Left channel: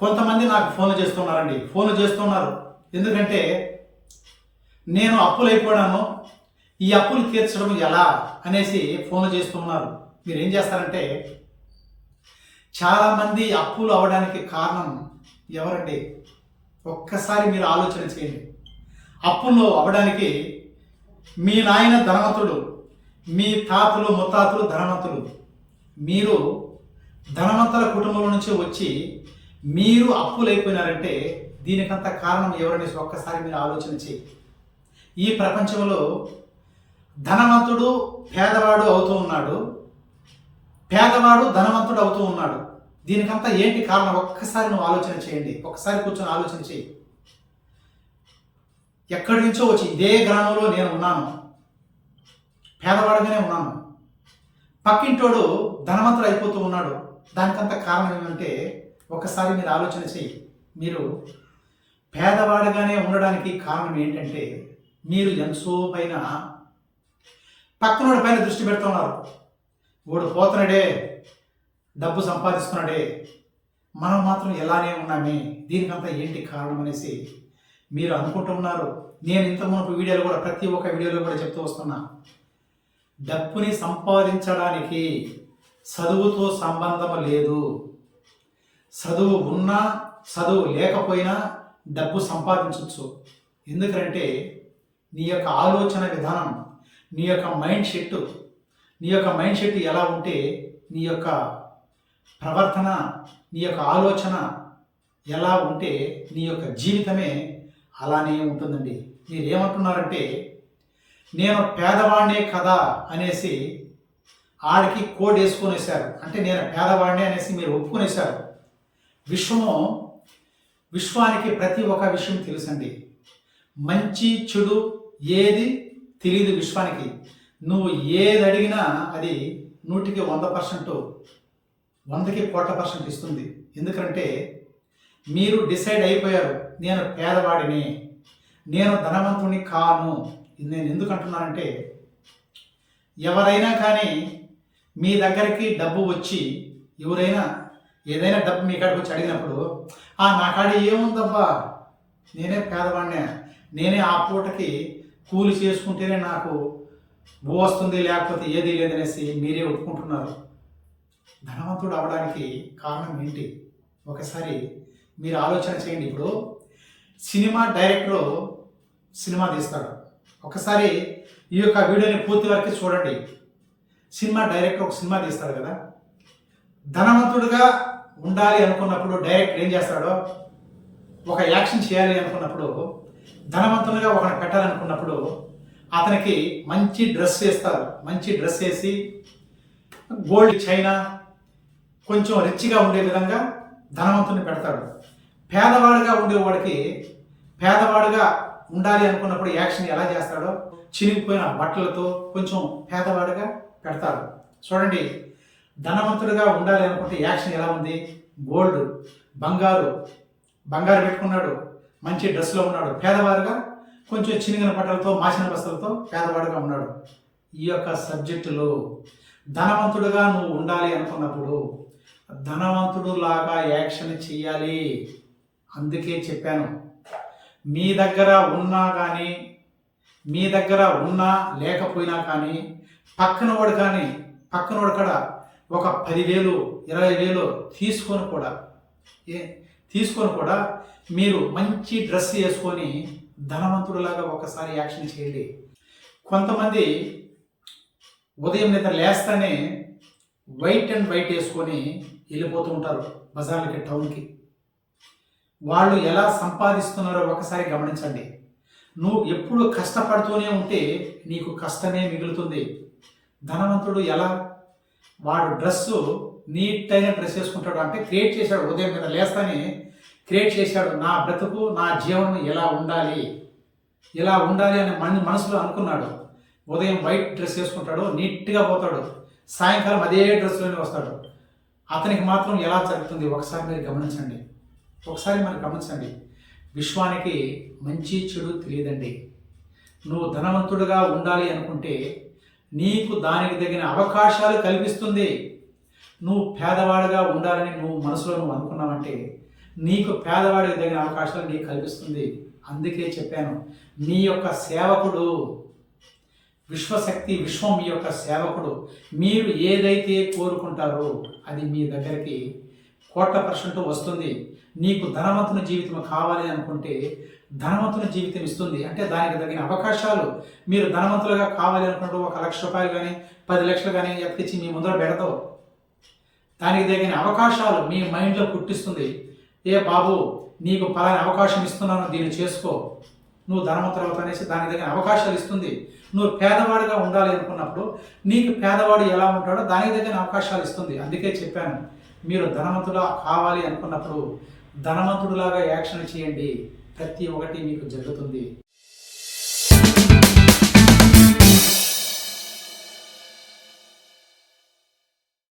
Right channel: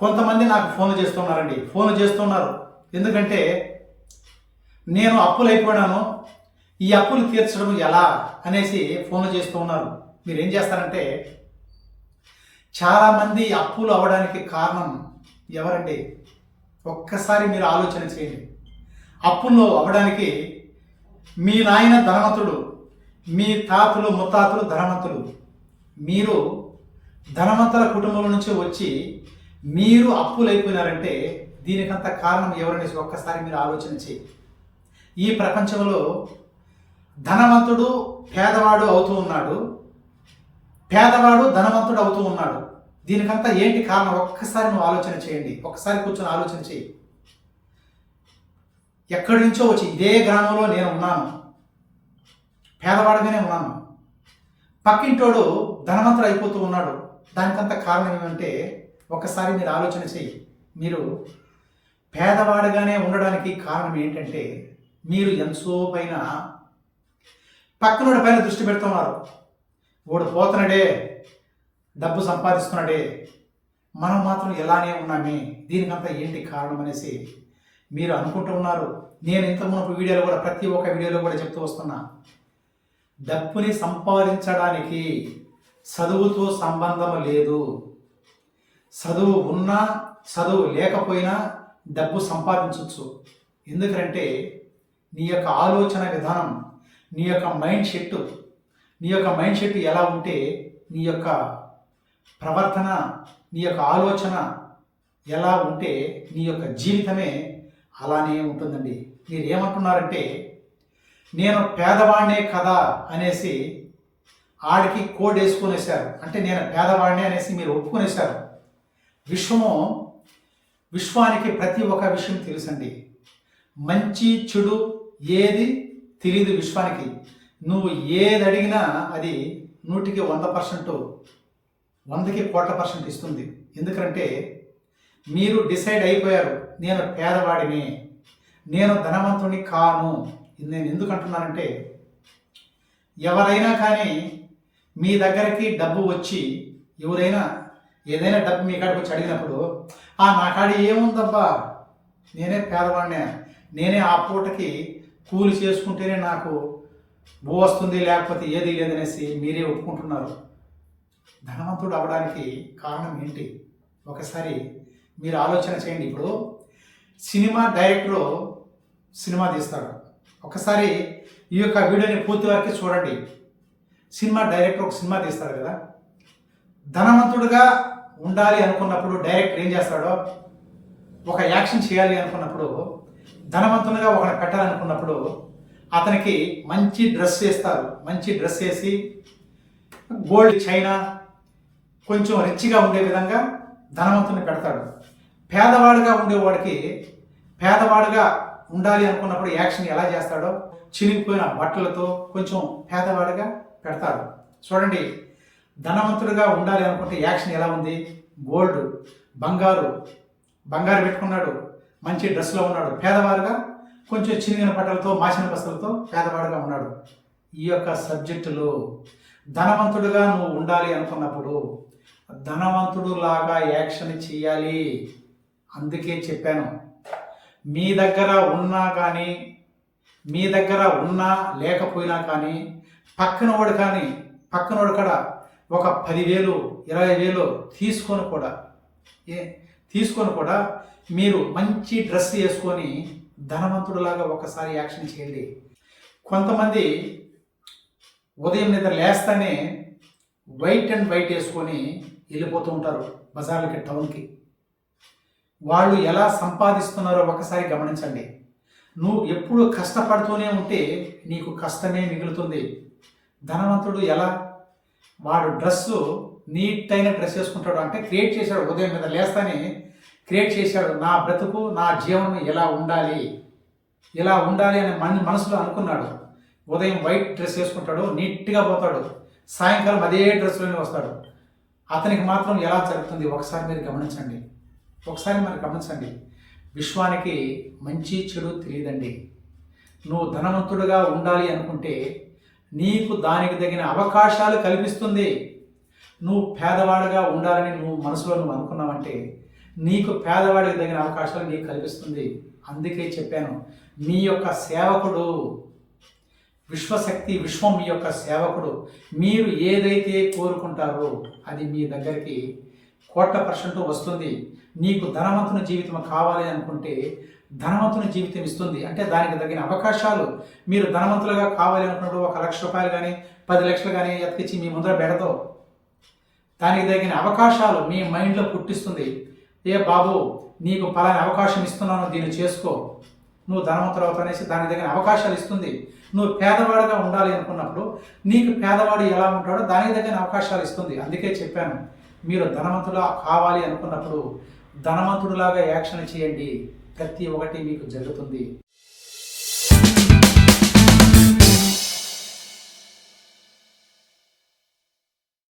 కొంతమంది నాకు ఫోన్లు చేస్తున్నారు. ఎందుకంటే నేను అప్పులైపోయినాను, ఈ అప్పులు తీర్చడం ఎలా అనేసి ఫోన్లు చేస్తూ ఉన్నారు. మీరు ఏం చేస్తారంటే, చాలామంది అప్పులు అవ్వడానికి కారణం ఎవరండి? ఒక్కసారి మీరు ఆలోచన చేయండి. అప్పుల్లో అవ్వడానికి మీ నాయన ధనవంతుడు, మీ తాతలు ముత్తాతలు ధనవంతులు, మీరు ధనవంతుల కుటుంబంలో నుంచి వచ్చి మీరు అప్పులైపోయినారంటే దీనికంత కారణం ఎవరనేసి ఒక్కసారి మీరు ఆలోచన చేయి. ఈ ప్రపంచంలో ధనవంతుడు పేదవాడు అవుతూ ఉన్నాడు, పేదవాడు ధనవంతుడు అవుతూ ఉన్నాడు. దీనికంతా ఏంటి కారణం? ఒక్కసారి నువ్వు ఆలోచన చేయండి. ఒక్కసారి కూర్చొని ఆలోచన చేయి. ఎక్కడి నుంచో వచ్చి ఇదే గ్రామంలో నేను ఉన్నాను, పేదవాడుగానే ఉన్నాను, పక్కింటోడు ధనవంతుడు అయిపోతూ ఉన్నాడు. దానికంత కారణం ఏమంటే ఒక్కసారి మీరు ఆలోచన చేయి. మీరు పేదవాడుగానే ఉండడానికి కారణం ఏంటంటే మీరు ఎంతో పైన పక్కనోడి పైన దృష్టి పెడుతున్నారు. వాడు పోతున్నాడే, డబ్బు సంపాదిస్తున్నాడే, మనం మాత్రం ఎలానే ఉన్నామే, దీనికంతా ఏంటి కారణం అనేసి మీరు అనుకుంటూ ఉన్నారు. నేను ఇంతకు మునుపు వీడియోలో కూడా ప్రతి ఒక్క వీడియోలో కూడా చెప్తూ వస్తున్నా, డబ్బుని సంపాదించడానికి చదువుతో సంబంధం లేదు. చదువు ఉన్నా చదువు లేకపోయినా డబ్బు సంపాదించవచ్చు. ఎందుకంటే నీ యొక్క ఆలోచన విధానం, నీ యొక్క మైండ్ సెట్ ఎలా ఉంటే నీ యొక్క ప్రవర్తన, నీ యొక్క ఆలోచన ఎలా ఉంటే నీ యొక్క జీవితమే అలానే ఉంటుందండి. మీరు ఏమంటున్నారంటే, నేను పేదవాడినే కదా అనేసి ఆడికి కోడ్ వేసుకునేశారు. అంటే నేను పేదవాడినే అనేసి మీరు ఒప్పుకునేశారు. విశ్వానికి ప్రతి ఒక్క విషయం తెలుసండి. మంచి చెడు ఏది తెలియదు విశ్వానికి. నువ్వు ఏది అడిగినా అది 100కి 100%, 100కి 1,00,00,000% ఇస్తుంది. ఎందుకంటే మీరు డిసైడ్ అయిపోయారు, నేను పేదవాడిని, నేను ధనవంతుని కాను. నేను ఎందుకు అంటున్నానంటే, ఎవరైనా కానీ మీ దగ్గరికి డబ్బు వచ్చి ఎవరైనా ఏదైనా డబ్బు మీ కాడికి వచ్చి అడిగినప్పుడు, నా కాడ ఏముందబ్బా, నేనే పేదవాడినే, నేనే ఆ పూటకి కూలి చేసుకుంటేనే నాకు బో వస్తుంది, లేకపోతే ఏది లేదనేసి మీరే ఒప్పుకుంటున్నారు. ధనవంతుడు అవ్వడానికి కారణం ఏంటి? ఒకసారి మీరు ఆలోచన చేయండి. ఇప్పుడు సినిమా డైరెక్టరు సినిమా తీస్తాడు. ఒకసారి ఈ యొక్క వీడియోని పూర్తి వరకు చూడండి. సినిమా డైరెక్టర్ ఒక సినిమా తీస్తాడు కదా, ధనవంతుడుగా ఉండాలి అనుకున్నప్పుడు డైరెక్టర్ ఏం చేస్తాడో, ఒక యాక్షన్ చేయాలి అనుకున్నప్పుడు, ధనవంతునిగా ఒకరిని పెట్టాలనుకున్నప్పుడు అతనికి మంచి డ్రెస్ వేస్తారు. మంచి డ్రెస్ వేసి గోల్డ్ చైనా కొంచెం రిచ్గా ఉండే విధంగా ధనవంతుని పెడతాడు. పేదవాడుగా ఉండేవాడికి, పేదవాడుగా ఉండాలి అనుకున్నప్పుడు యాక్షన్ ఎలా చేస్తాడో, చినిగిపోయిన బట్టలతో కొంచెం పేదవాడిగా పెడతాడు. చూడండి, ధనవంతుడిగా ఉండాలి అనుకుంటే యాక్షన్ ఎలా ఉంది? గోల్డ్, బంగారు పెట్టుకున్నాడు, మంచి డ్రెస్లో ఉన్నాడు. పేదవాడుగా కొంచెం చినిగిన బట్టలతో, మాసిన బస్తలతో పేదవాడుగా ఉన్నాడు. ఈ యొక్క సబ్జెక్టులో ధనవంతుడిగా నువ్వు ఉండాలి అనుకున్నప్పుడు ధనవంతుడు లాగా యాక్షన్ చేయాలి. అందుకే చెప్పాను, మీ దగ్గర ఉన్నా కానీ, మీ దగ్గర ఉన్నా లేకపోయినా కానీ, పక్కనోడు కాడ ఒక 10,000 20,000 తీసుకొని కూడా మీరు మంచి డ్రెస్ వేసుకొని ధనవంతుడిలాగా ఒకసారి యాక్షన్ చేయండి. కొంతమంది ఉదయం నిద్ర లేస్తానే వైట్ వేసుకొని వెళ్ళిపోతూ ఉంటారు బజార్లకి, టౌన్కి. వాళ్ళు ఎలా సంపాదిస్తున్నారో ఒకసారి గమనించండి. నువ్వు ఎప్పుడు కష్టపడుతూనే ఉంటే నీకు కష్టమే మిగులుతుంది. ధనవంతుడు ఎలా? వాడు డ్రెస్సు నీట్ అయిన డ్రెస్ వేసుకుంటాడు. అంటే క్రియేట్ చేశాడు, ఉదయం మీద లేస్తానే క్రియేట్ చేశాడు, నా బ్రతుకు, నా జీవనం ఇలా ఉండాలి అని మనసులో అనుకున్నాడు. ఉదయం వైట్ డ్రెస్ వేసుకుంటాడు, నీట్గా పోతాడు, సాయంకాలం అదే డ్రెస్లోనే వస్తాడు. అతనికి మాత్రం ఎలా జరుగుతుంది? ఒకసారి మీరు గమనించండి. విశ్వానికి మంచి చెడు తెలియదండి. నువ్వు ధనవంతుడిగా ఉండాలి అనుకుంటే నీకు దానికి తగిన అవకాశాలు కల్పిస్తుంది. నువ్వు పేదవాడిగా ఉండాలని నువ్వు మనసులో అనుకున్నావంటే నీకు పేదవాడికి తగిన అవకాశాలు నీకు కల్పిస్తుంది. అందుకే చెప్పాను, మీ యొక్క సేవకుడు విశ్వశక్తి, విశ్వం మీ యొక్క సేవకుడు. మీరు ఏదైతే కోరుకుంటారో అది మీ దగ్గరికి 100% వస్తుంది. నీకు ధనవంతుని జీవితం కావాలి అనుకుంటే ధనవంతుని జీవితం ఇస్తుంది. అంటే దానికి తగిన అవకాశాలు, మీరు ధనవంతులుగా కావాలి అనుకున్నప్పుడు 1 లక్ష రూపాయలు కానీ 10 లక్షలు కానీ ఎత్తిచ్చి మీ ముందర పెడతావు. దానికి తగిన అవకాశాలు మీ మైండ్లో పుట్టిస్తుంది. ఏ బాబు, నీకు పలానా అవకాశం ఇస్తున్నాను, దీన్ని చేసుకో, నువ్వు ధనవంతులు అవుతావు అనేసి దానికి తగిన అవకాశాలు ఇస్తుంది. నువ్వు పేదవాడిగా ఉండాలి అనుకున్నప్పుడు నీకు పేదవాడు ఎలా ఉంటాడో దానికి తగిన అవకాశాలు ఇస్తుంది. అందుకే చెప్పాను, మీరు ధనవంతులా కావాలి అనుకున్నప్పుడు ధనవంతుడిలాగా యాక్షన్ చేయండి, ప్రతి ఒక్కటి మీకు జరుగుతుంది.